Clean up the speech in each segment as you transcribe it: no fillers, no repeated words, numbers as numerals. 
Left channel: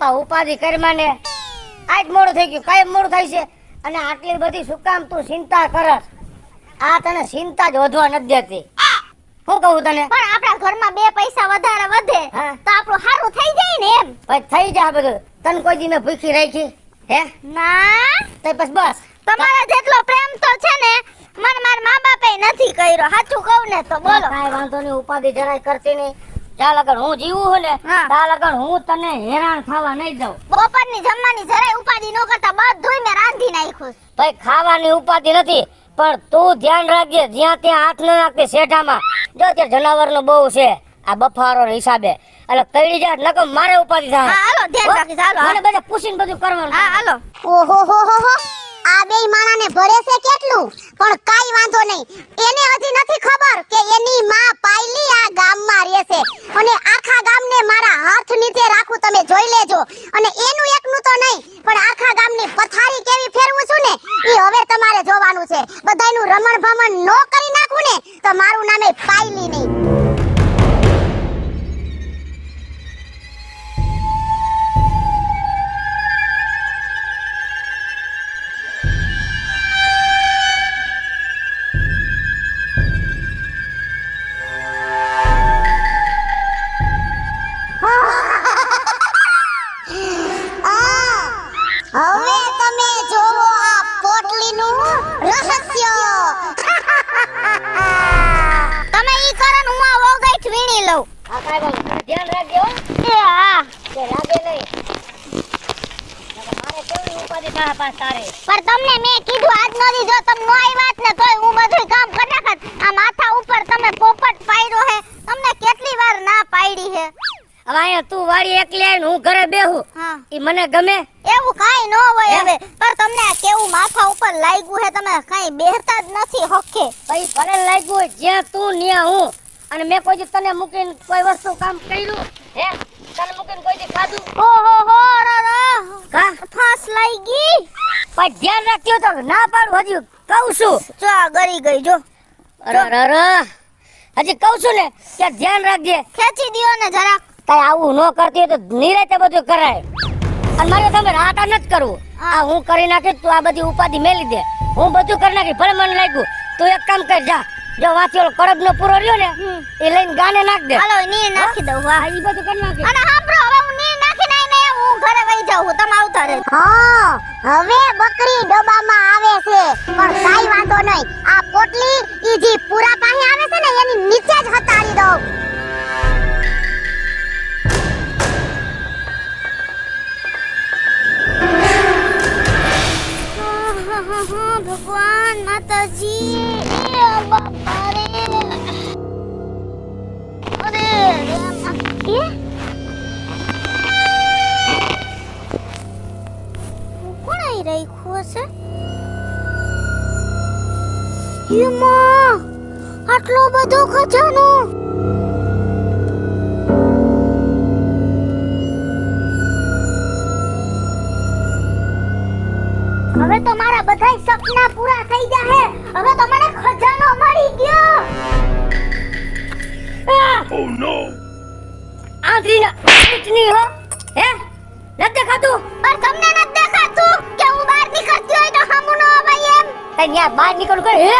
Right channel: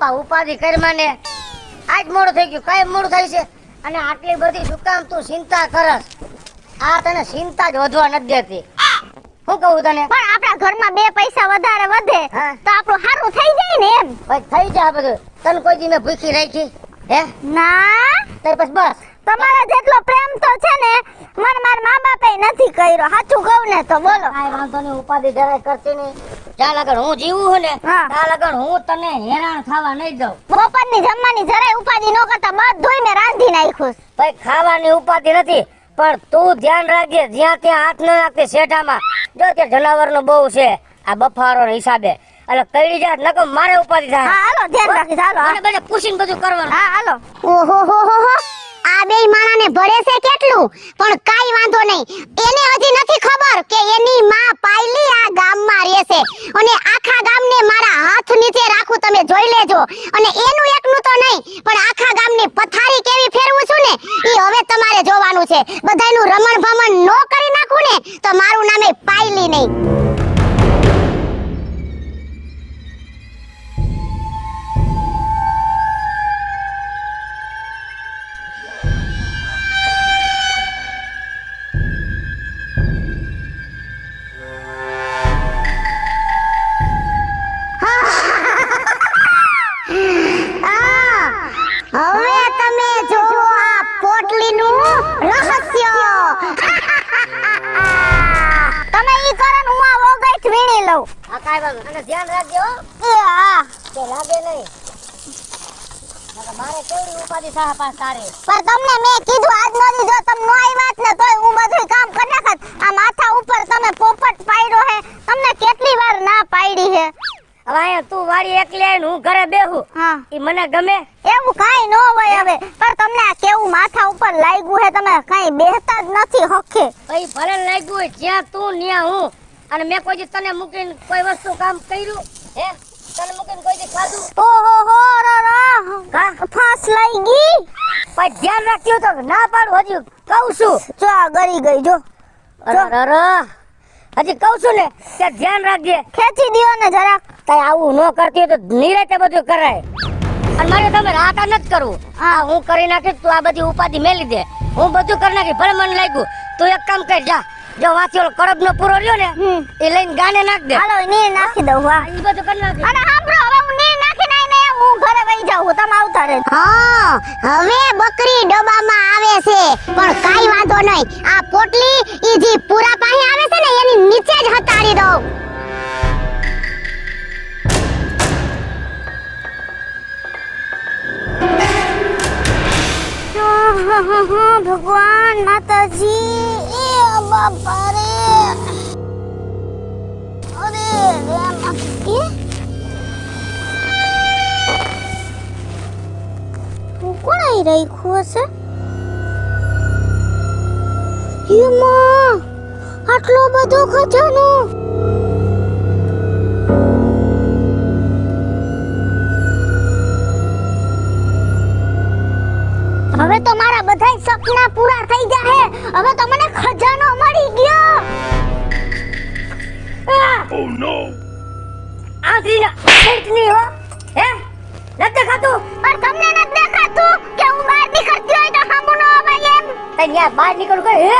બાપા ઉપાધિ કરી મને આજ મોડું થઈ ગયું કાંઈ મોડું થાય છે અને આટલી બધી શું કામ તું ચિંતા કરસ આ તને ચિંતા જ વધવા નથી દેતી હું કહું તને પણ આપણા ઘરમાં બે પૈસા વધારે વધે તો આપણું સારું થઈ જાય ને એમ ભાઈ થઈ જાય બધું તને કોઈ દી મેં ભૂખી રહી છે હે ના તો પછી બસ તમારા જેટલો પ્રેમ તો છે ને મને મારા મા બાપે નથી કર્યો સાચું કહું ને તો બોલો કાંઈ વાંધો નહીં ઉપાધિ જરાય કરતી નહીં જ્યાં લગન હું જીવું છું ને ત્યાં લગન હું તને હેરાન થવા નહીં દઉં બપોરની જમવાની જરાય ઉપાધિ ન કરતા બધુંય મેં રાંધી નાખ્યું ભાઈ ખાવાની ઉપાધિ નથી પણ તું ધ્યાન રાખજે જ્યાં ત્યાં હાથ ન રાખજે શેઠામાં જો ત્યાં જનાવરનું બહુ છે આ બફારો હિસાબે અને કઈ જાય નકો મારે ઉપાધિ થાય હા હાલો ધ્યાન રાખી હાલો મારે બધા પૂછીને બધું કરવાનું હા હાલો ઓહો આ બે માણાને ભળે છે કેટલું પણ કાઈ વાંધો નહીં એને હજી નથી ખબર કે એની માં પાયલી આ ગામમાં રહે છે અને આખા ગામને મારા હાથ નીચે રાખું તમે જોઈ લેજો અને એનું એકનું તો નહીં પણ આખા ગામની પથારી કેવી ફેરવું છું ને એ હવે તમારે જોવાનું છે બધાયનું રમણ ભમણ નો કરી નાખું ને તો મારું નામે પાયલી નહીં હવે તમે જોવો આ પોટલીનું રહસ્ય તમે ઈ કરો ને હું આ વગટ વીણી લઉં આ કાંઈ વાંધો નહીં. ધ્યાન રાખજો હો. એ હા કે લાગે નહીં નકર મારે કેવી ઉપાધિ થાય તારે પણ તમને મેં કીધું આજ નો જો તમે નો આવ્યા જ ને તો હું બધું કામ કરી નાખત આ માથા ઉપર તમે પોપટ પાડ્યો હે તમને કેટલી વાર ના પાડી હે હવે અહીંયા તું વાડી એકલી આવીને હું ઘરે બેહું હા ઈ મને ગમે એવું કાઈ ન હોય હવે પણ તમને આ કેવું માથા ઉપર લાગ્યું હે તમે કાઈ બેહતા જ નથી હખે ભાઈ ભલે લાગ્યું હોય જ્યાં તું ને હું અને મેં કોઈ દી તને મૂકીને કોઈ વસ્તુ કામ કર્યું હે તને મૂકીને કોઈ દી ખાધું ઓહો હો રા કા ફાસ લઈ ગઈ ભાઈ ધ્યાન રાખ્યો તો ના પાડું હજી કહું છું જો આ ગરી ગઈ જો અરે હજી કહું છું ને કે ધ્યાન રાખજે ખેંચી દીવો ને જરા કઈ આવું ન કરતી હોય તો નિરાતે બધું કરાય અને મારે તમે રાતા નથી કરવું આ હું કરી નાખી તું આ બધી ઉપાધિ મેલી દે હું બધું કરી નાખી ભલે મને લાગ્યું તું એક કામ કર જા જો વાંચી ઓલો કડબ નો પૂરો રહ્યો ને એ લઈને ગાને નાખ દે હાલો ને નાખી દઉં હા ઈ બધું કરી નાખી અને સાંભળો હવે હું ને નાખી નહીં ને હું ઘરે વઈ જાઉં તમે આવતા રહે હા હવે બકરી ડોબામાં આવે છે પણ કાઈ વાંધો નહીં આ પોટલી ઈ જે પૂરા પાસે આવે છે ને એની નીચે જ હટાડી દઉં ભગવાન માતાજી એ બાપા રે અરે એ કોણ આવી રાખ્યું હશે એમાં આટલો બધો ખજાનો હવે તો મારા બધાય સપના પૂરા થઈ ગયા હવે તો મને ખજાનો મળી ગયો ઓ નો આંધળીના પેટની હો હે નથી દેખાતું પણ તમને નથી દેખાતું કે હું બહાર નીકળતી હોય તો સામું ન અવાય એમ તે ન્યા બહાર નીકળ ગઈ હે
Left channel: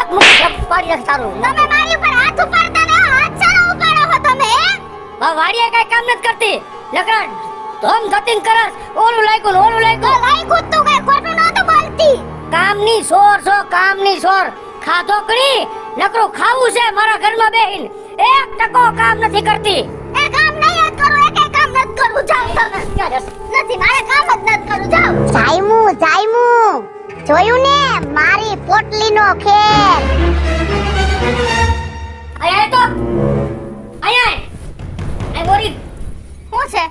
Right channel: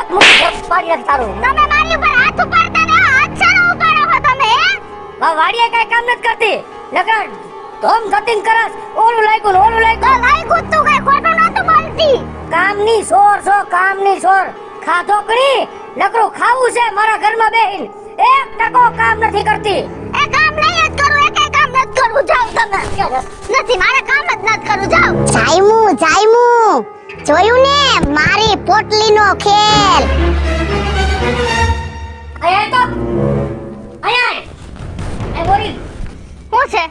પાડી નાખ તારું તમે મારી પર હાથ ઉપાડતા ને હાથ સારો ઉપાડો હો તમે હે વાડીએ કઈ કામ નથી કરતી નકર ધમ ધતિંગ કરસ ઓલું લાગ્યું ને ઓલું લાગ્યું લાઈકું તું કઈ ખોટું નહોતું બોલતી કામની કામની સોર ખાતો કરી નકરું ખાવું છે મારા ઘરમાં બેહીન એક ટકો કામ નથી કરતી એ કામ નહીં જ કરું એ કઈ કામ નથી કરું જાવ તમે નથી મારે કામ જ નથી કરું જાવ જાયમુ જોયું ને મારી પોટલીનો ખેલ આયા તો આયા એ બોરી હું છે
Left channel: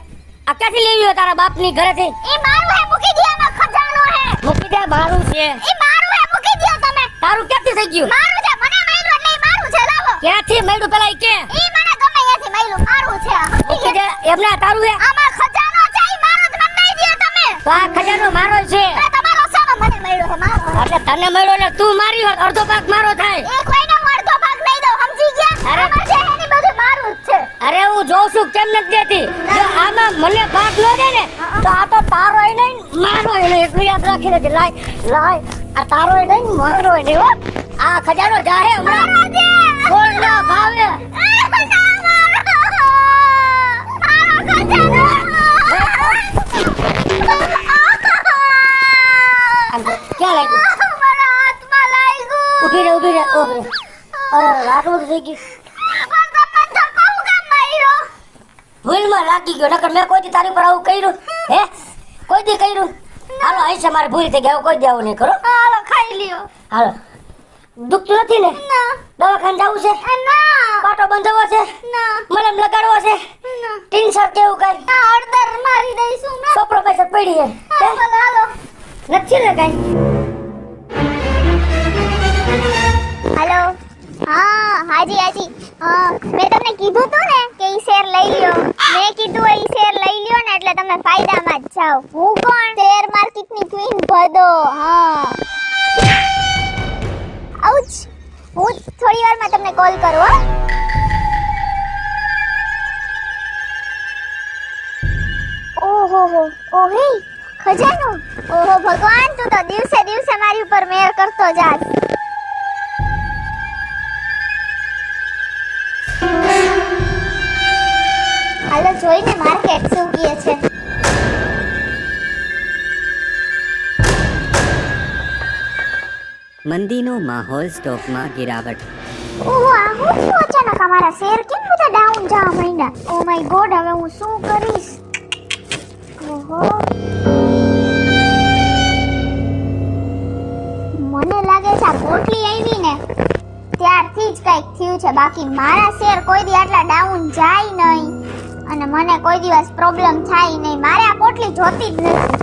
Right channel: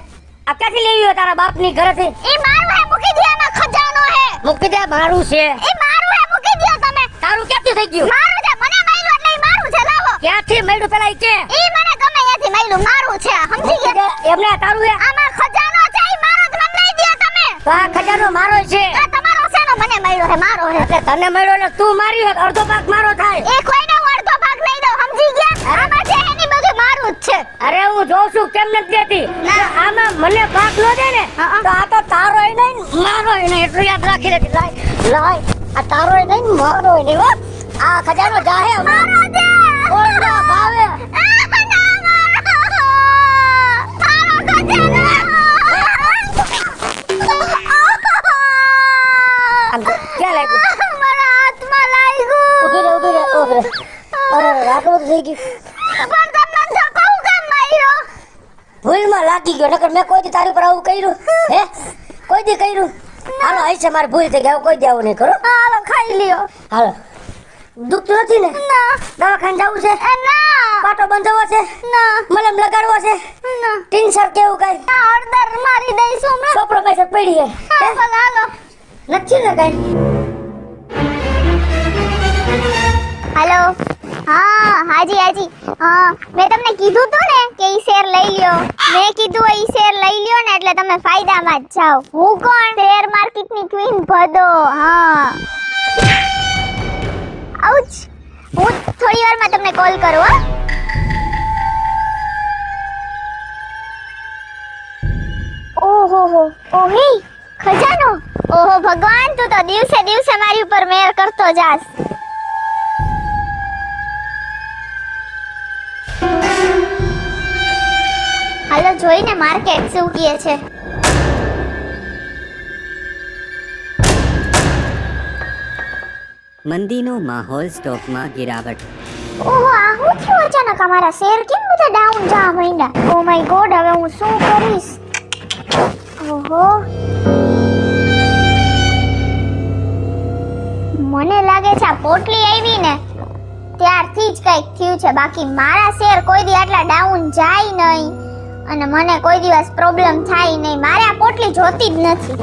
આ ક્યાંથી લઈ આવ્યો તારા બાપની ઘરેથી એ મારું હે મૂકી દે આમાં ખજાનો હે મૂકી દે મારું છે એ મારું હે મૂકી દે તમે તારું ક્યાંથી થઈ ગયું મારું છે મને મળ્યું એટલે ઈ મારું છે લાવો ક્યાંથી મળ્યું પેલા ઈ કે ઈ મને ગમે ત્યાંથી મળ્યું મારું છે સમજી ગયા એમના તારું હે આમાં ખજાનો છે ઈ મારો જ મને લઈ દે તમે તો આ ખજાનો મારો છે એ તમારો છે ને મને મળ્યો છે મારો છે એટલે તને મળ્યો ને તું મારી હોત અડધો ભાગ મારો થાય એ કોઈને હું અડધો ભાગ નહીં દઉં સમજી ગયા આમાં છે એની બધું મારું જ છે અરે હું જોઉં છું કેમ નથી દેતી આ આમાં મને પાસ ન દે ને તો આ તો તારો ય નહીં મારો ય નહીં એટલું યાદ રાખી લેજે. લાય આ તારો ય નહીં મારો ય નહીં હો. આ ખજાનો જાહે હમણાં કોઈના ભાવે. ક્યાં લાગ્યું? ઊભી રહે. અરે રાતો થઈ ગઈ. ભૂલમાં લાગી ગયો નકર મેં કોઈ દી તારી પર આવું કર્યું હે? કોઈ દી કર્યું? હાલો અહીં છે મારી ભૂલ થઈ ગઈ. કોઈ દી આવું નહીં કરું. હાલો ખાઈ લ્યો. હાલો દુખતો નથી ને? ના દવાખાને જવું છે? ના પાટો બંધાવવો છે? ના મલમ લગાડવો છે? ના ટીનસર કેવું કઈ? હળદર મારી દઈશું હમણાં. સોપડો પાસે પડી છે. હાલો નથી ને કઈ? હેલો હા હાજી હા મેં તમને કીધું તું ને કે ઈ શેર લઈ લ્યો. મેં કીધું ઈ શેર લઈ લ્યો ને એટલે તમે ફાયદામાં જ જાઓ. હું કોણ? શેર માર્કેટની ક્વીન ભદો. હા આઉચ. હું થોડી વારમાં તમને કોલ કરું હા. ઓહો ઓહે ખજાનો. ઓહો ભગવાન તું તો દિવસે દિવસે મારી ઉપર મેર કરતો જાસ. હાલો જોઈને માર્કેટ શું કહે છે. મંદીનો માહોલ સ્ટોકમાં ગિરાવટ. ઓહો આ હું થયું અચાનક અમારા શેર કેમ બધા ડાઉન જા મહિના. ઓ માય ગોડ હવે હું શું કરીશ. ઓહો મને લાગે છે આ પોટલી આવી ને ત્યારથી જ કઈક થયું છે. બાકી મારા શેર કોઈ દી આટલા ડાઉન જાય નહીં અને મને કોઈ દિવસ પ્રોબ્લેમ થાય નહીં. મારે આ પોટલી જોતી જ નથી.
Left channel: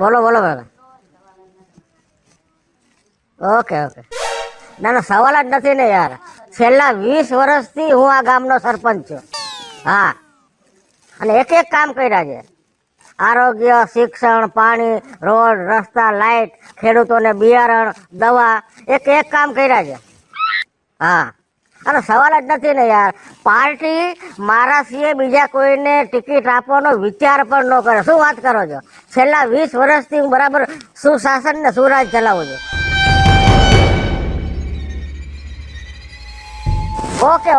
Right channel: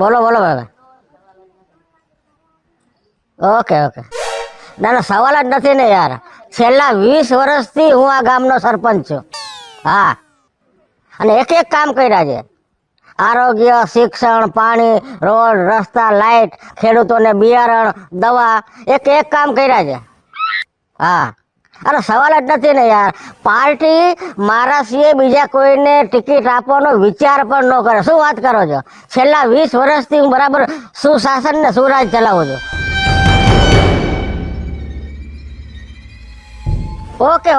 બોલો હવે. ઓકે ના સવાલ જ નથી ને યાર. છેલ્લા 20 વર્ષથી હું આ ગામનો સરપંચ છું. હા અને એક કામ કર્યા છે. આરોગ્ય, શિક્ષણ, પાણી, રોડ, રસ્તા, લાઈટ, ખેડૂતોને બિયારણ, દવા એક કામ કર્યા છે. હા અરે સવાલ જ નથી ને યાર. પાર્ટી મારા સિવાય બીજા કોઈને ટિકિટ આપવાનો વિચાર પણ ન કરે. શું વાત કરો છો? છેલ્લા 20 વર્ષથી હું બરાબર સુશાસન ને સુરાજ ચલાવું છું. ઓકે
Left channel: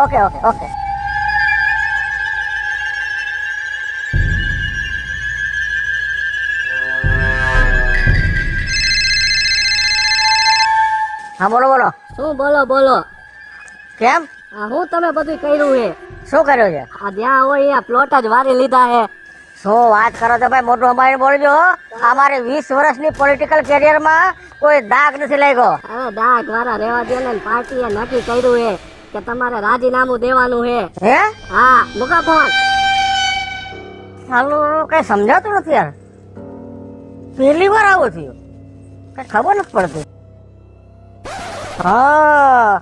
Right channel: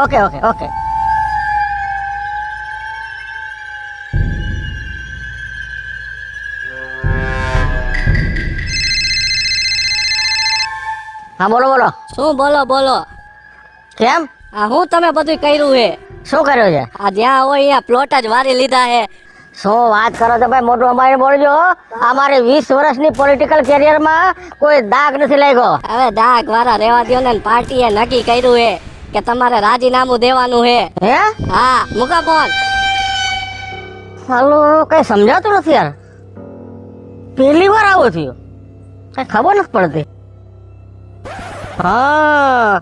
હા બોલો. શું બોલો? કેમ? આ હું તમે બધું કર્યું હે? શું કર્યું છે? આ જ્યાં હોય આ પ્લોટ જ વારી લીધા હે. શું વાત કરો છો ભાઈ? મોટું અમારે બોલજો. અમારે 20 વર્ષની પોલિટિકલ કેરિયરમાં કોઈ દાગ નથી લાગ્યો. હવે દાગ વાળા રેવા દો ને. પાર્ટીએ નક્કી કર્યું હે કે તમારે રાજીનામું દેવાનું હે. હે? હા મૂકા ફોન. સાલું કઈ સમજાતું નથી યાર. પહેલી વાર આવો થયો. કઈ ખબર નથી પડતી. હા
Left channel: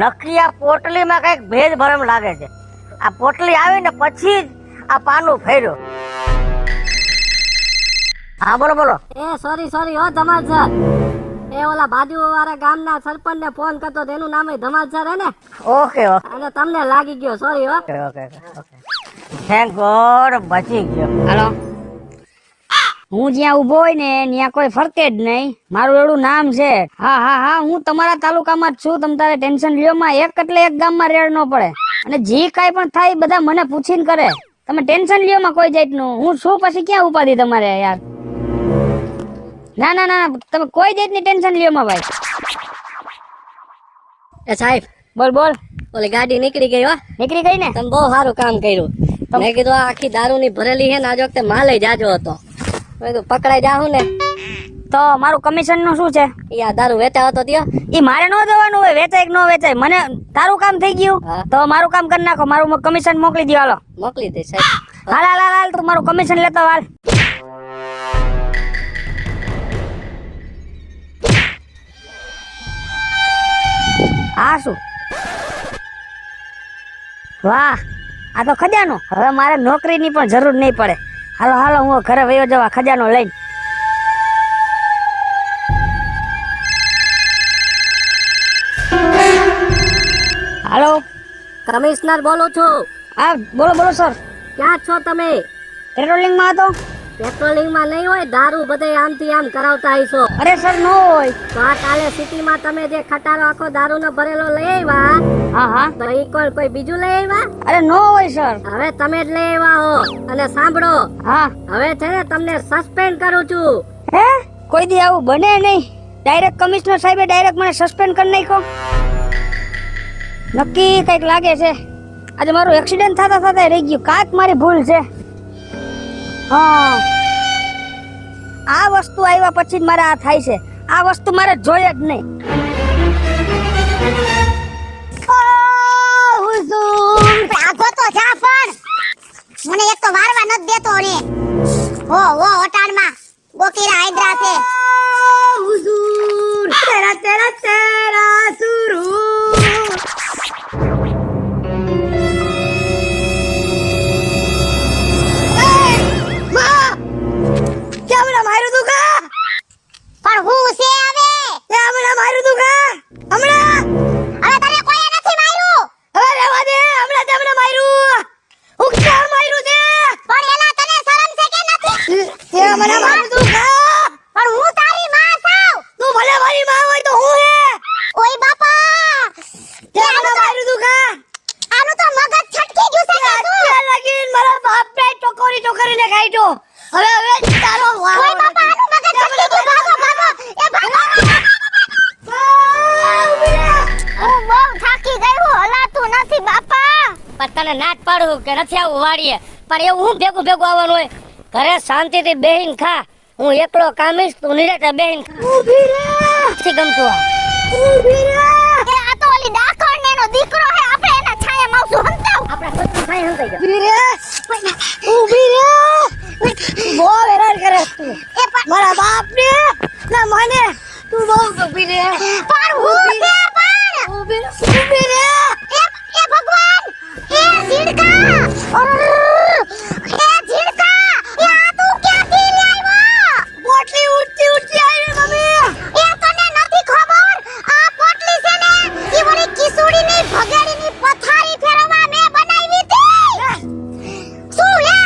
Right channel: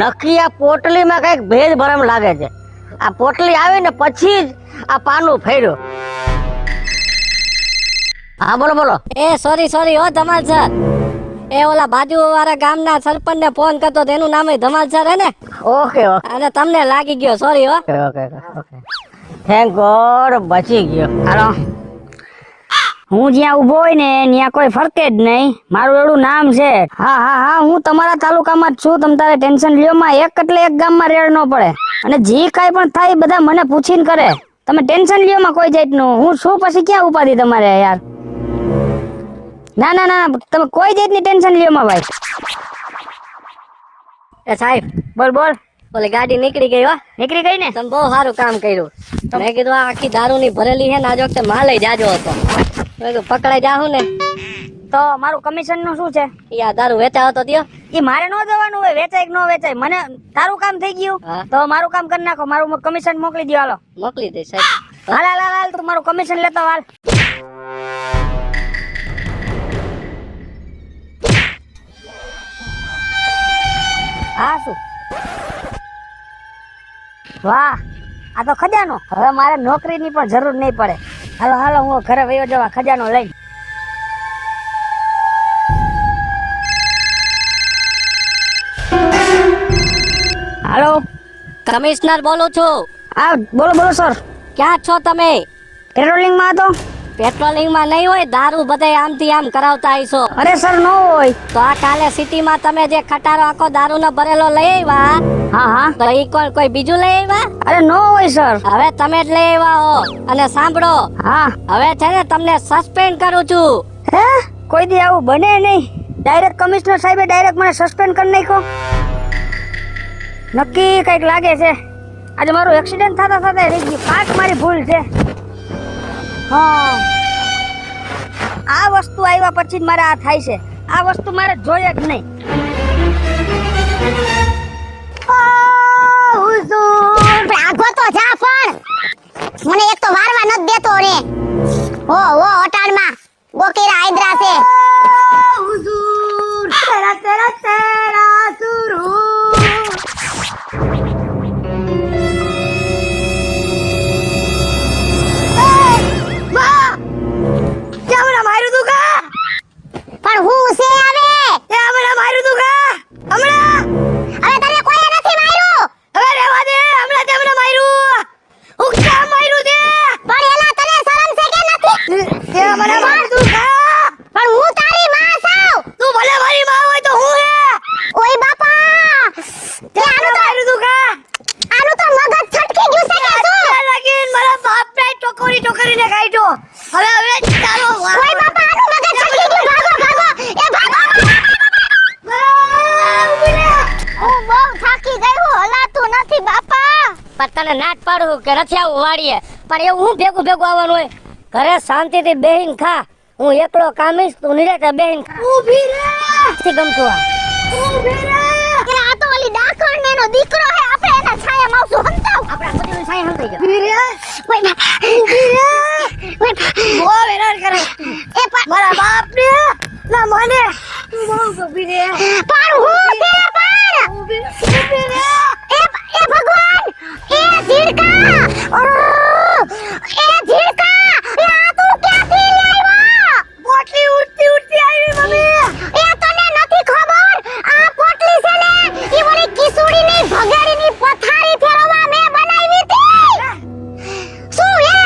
નક્કી આ પોટલીમાં કઈક ભેજ ભરમ લાગે છે. આ પોટલી આવીને પછી જ આ પાનું ફેર્યું. હા બોલો. એ સોરી ઓ ધમાલ સર. એ ઓલા બાજુ વાળા ગામના સરપંચ ને ફોન કરતો તેનું નામ ધમાલ સર હે ને? ઓકે અને તમને લાગી ગયો. સોરી હો. ઓકે થેન્ક ગોડ બચી ગયો. હાલો હું જ્યાં ઉભો હોય ને ત્યાં કોઈ ફરકે જ નહીં. મારું એવડું નામ છે. હા હું તમારા તાલુકામાં જ છું. તમે તારે ટેન્શન લ્યો માં. એક એટલે એક ગામમાં રેડ ન પડે અને જે કઈ પણ થાય બધા મને પૂછીને કરે. તમે ટેન્શન લ્યો માં કોઈ જાતનું. હું શું પછી ક્યાં ઉપાધી તમારે યાર. ના તમે કોઈ જાતની ટેન્શન લ્યો માં ભાઈ. એ સાહેબ બોલ. ઓલી ગાડી નીકળી ગઈ હો. નીકળી ગઈ ને? તમે બહુ સારું કામ કર્યું. મેં કીધું આ આખી દારૂની ભરેલી છે ને આજ વખતે માલ જાજો હતો. મેં કીધું પકડાઈ જાહું ને તો મારું કમિશન નું શું છે? યા દારૂ વેચા હતો ત્યો. એ મારે ન દેવાનું હોય. વેચાય કે ન વેચાય મને તારું કામ થઈ ગયું તો મારું કામ કરી નાખો. મારું કમિશન મોકલી દો. હાલો મોકલી દે સાહેબ. હાલ તું મારું કમિશન લેતો હાલ. આ શું? વાહ આ તો ખજાનો. હવે મારે નોકરીની પણ જરૂર નહીં પડે. હાલો હું ઘરે વયો જવા ખજાનો લઈ. કમિશનર બોલું છું. હા બોલો બોલો સર. ક્યાં છો તમે? પેટ્રોલિંગ માં હતો. પેટ્રોલિંગ માં નહીં હોય, દારૂ બધાય આમથી આમ કરાવતા હશો. અરે સર નો હોય. તો આ કાલે સિટીમાં તમે જે ખટારો આખો દારૂનો ભરેલો લઈ આવ્યા, હા હા. તો ઈ કોઈ બીજું લઈ આવ્યા? અરે નો હોય સર. હવે તમે જ લઈ આવ્યા હો. અને સાંભળો, હા. હવે છે ને તમને સસ્પેન્ડ કરું છું. હે કોઈ દી આવું બને નહીં. ડાયરેક્ટ કમિશનર સાહેબે ડાયરેક્ટ મને સસ્પેન્ડ કરી નાખ્યો. નક્કી કઈક લાગે છે. આજે મારું એક્સિડન્ટ થતા થતા રહી ગયું. કાંઈક મારી ભૂલ છે. હા. આ વસ્તુ આવ્યા પછી જ મારે આ થાય છે. આ વસ્તુ મારે જોઈએ જ નહીં. ભાગો તો જા પણ મને એક તો વારવા નથી દેતો રે. ઓ અટાણમાં બોકેરા હાઈડ્રા છે. હુજૂર તેરા તેરા તેરા સુરુ. કેમરા માર્યું તું કા? પણ હું છે હવે કેમરા માર્યું તું કા? હમણાં હવે તમે કોઈએ નથી માર્યું. અરે રહેવા દે. હમણાં તેમને માર્યું. હું ક્યાં માર્યું તે? પણ એલા તને શરમ છે કે નથી? તે મને માર્યું તું કા? પણ હું તારી માં છું. તું ભલે મારી માં હોય તો હું હે. ઓય બાપા તે મને માર્યું તું કા? આનું તો મગજ છટકી ગયું છે કે શું? ત્યાં લાગીને મારા બાપને ટોકરીને કાઢ્યો. હવે ચાલો. ઓય બાપા આનું મગજ છટકી ગયું. ભાગો ભાગો એ ભાગો. હું બહુ થાકી ગયું. હલાતું નથી બાપા. પણ તને ના જ પાડું કે નથી આવું વાડીએ, પણ એવું હું ભેગું આવવાનું હોય? ઘરે શાંતિથી બેહીને ખા. હું એકલો કામીશ, તું નિરાતે બેહીને ખા. ઊભી રે. નથી ગમતું આ. ઊભી રે. એ આ તો ઓલી ડાકણ એનો દીકરો હે. આપણે એને છાયે માવશું હંતાવ. આપણા ખોટું થાય નથી ગયો. ઊભી રે. ઓય ઊભી રે. બહુ હેરાન કરે તું. એ પણ મારા બાપને ના મને તું બહુ ઊભી રે. પણ હું છે પણ. ઊભી રે. એ ભગવાન. એ ઝીડકા. એ ઝીડકા. એ આ તું ક્યાંથી લાવ્યા? પોટલી ઉડતી આવી તમે. એ તને નથી ખબર આ પોટલી છે ને ઈ વળી કિશોરીની ભગાડીની પથારી ફેરવવા મેં બનાવી હતી. શું હે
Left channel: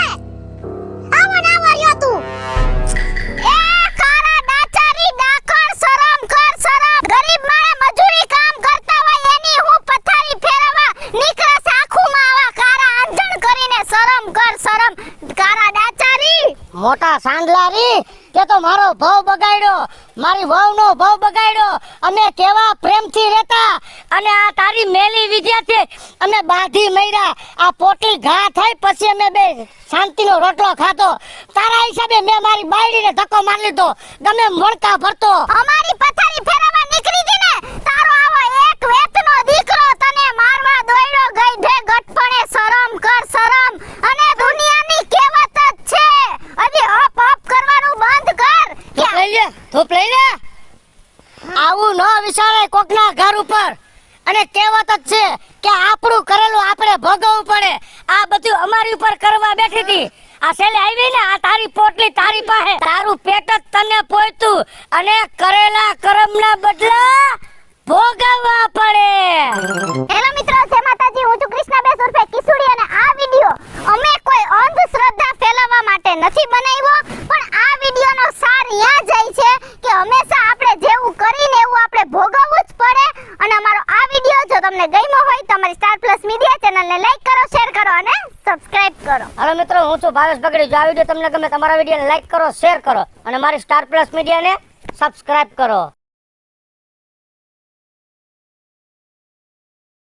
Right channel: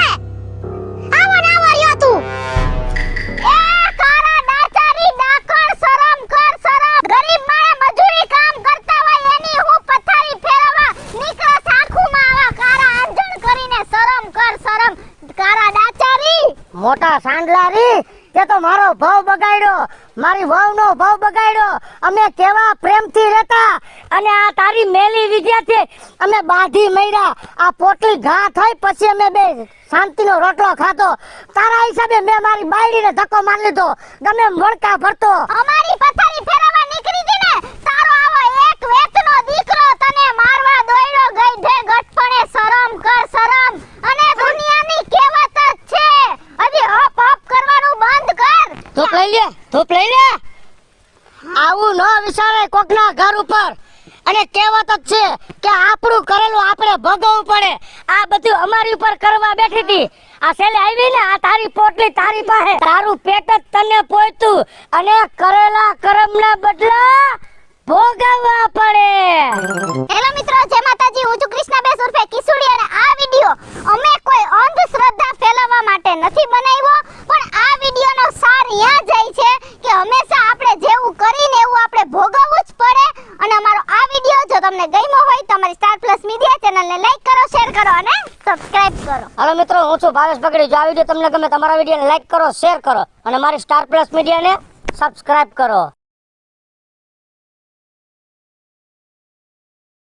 આવા ને આવા રહ્યો તું. એ કારા ડાચાની ડાકણ શરમ કર શરમ. ગરીબ માણા મજૂરી કામ કરતા હોય એની હું પથારી ફેરવવા નીકળે સાખુમાં આવા કારા આંધણ કરીને શરમ કર શરમ. કારા ડાચારી. મોટા સાંડલા રી, તે તો મારો ભાવ બગાડ્યો, મારી વહુનો ભાવ બગાડ્યો. અમે કેવા પ્રેમથી રહેતા, અને આ તારી મેલી વિદ્યાથી અમે બાંધી મર્યા. આ પોટી ઘા થઈ પછી અમે બે શાંતિનો રોટલો ખાધો. તારા હિસાબે મેં મારી બાયડીને ધક્કો મારી લીધો. ગમે એમ વળકા ભરતો. અમારી પથારી ફેરવવા નીકળી ગઈ ને તારો આવો એક વેતનો દીકરો તને મારવા દોડ્યો ગઈઢે ગઠપણે શરમ કર શરમ. અને દુનિયાની કહેવત જ છે હજી હપ હપ કરવાનું બંધ કર. ધૂપ લઈ લે, ધૂપ લઈ લે. આવું ન વિચારાય કોકના ઘર ઉપર. અને કહેવત જ છે કે આપણું કરેલું આપણે ભોગવવું પડે. આ બધું અમારી ઉપર કરવા બેઠી હતી. આ છેલ્લે આવી ને આ તારી પોટલી તારી પાસે. તારું પેટ જ તને પોયતું, અને કરેલા કર્મના બદલા ભોગવવા પડે. હેલો મિત્રો, જય માતાજી. હું છું કૃષ્ણાબેન ઉર્ફે કિસુડી અને આ વિડિયો અમે કોઈ અંધશ્રદ્ધા ફેલાવવા માટે નથી બનાવ્યો, પણ આ વિડિયોનો સાર યા જાય છે કે હંમેશા આપણે જેવું કરીને એવું આપણે ભોગવવું જ પડે. અને અમારો આ વિડિયો જો તમને ગમ્યો હોય તો અમારી સ્ટાર પ્લસ મીડિયા ચેનલને લાઈક કરો, શેર કરો અને સબસ્ક્રાઇબ કરો. હાલો મિત્રો, હું છું ભાવેશ પગડી. જો આ વિડીયો તમને ગમે, તમારા વિડીયોને લાઈક કરો, શેર કરો, અને મારી સ્ટાર પ્લસ મીડિયાને સબસ્ક્રાઇબ કરો.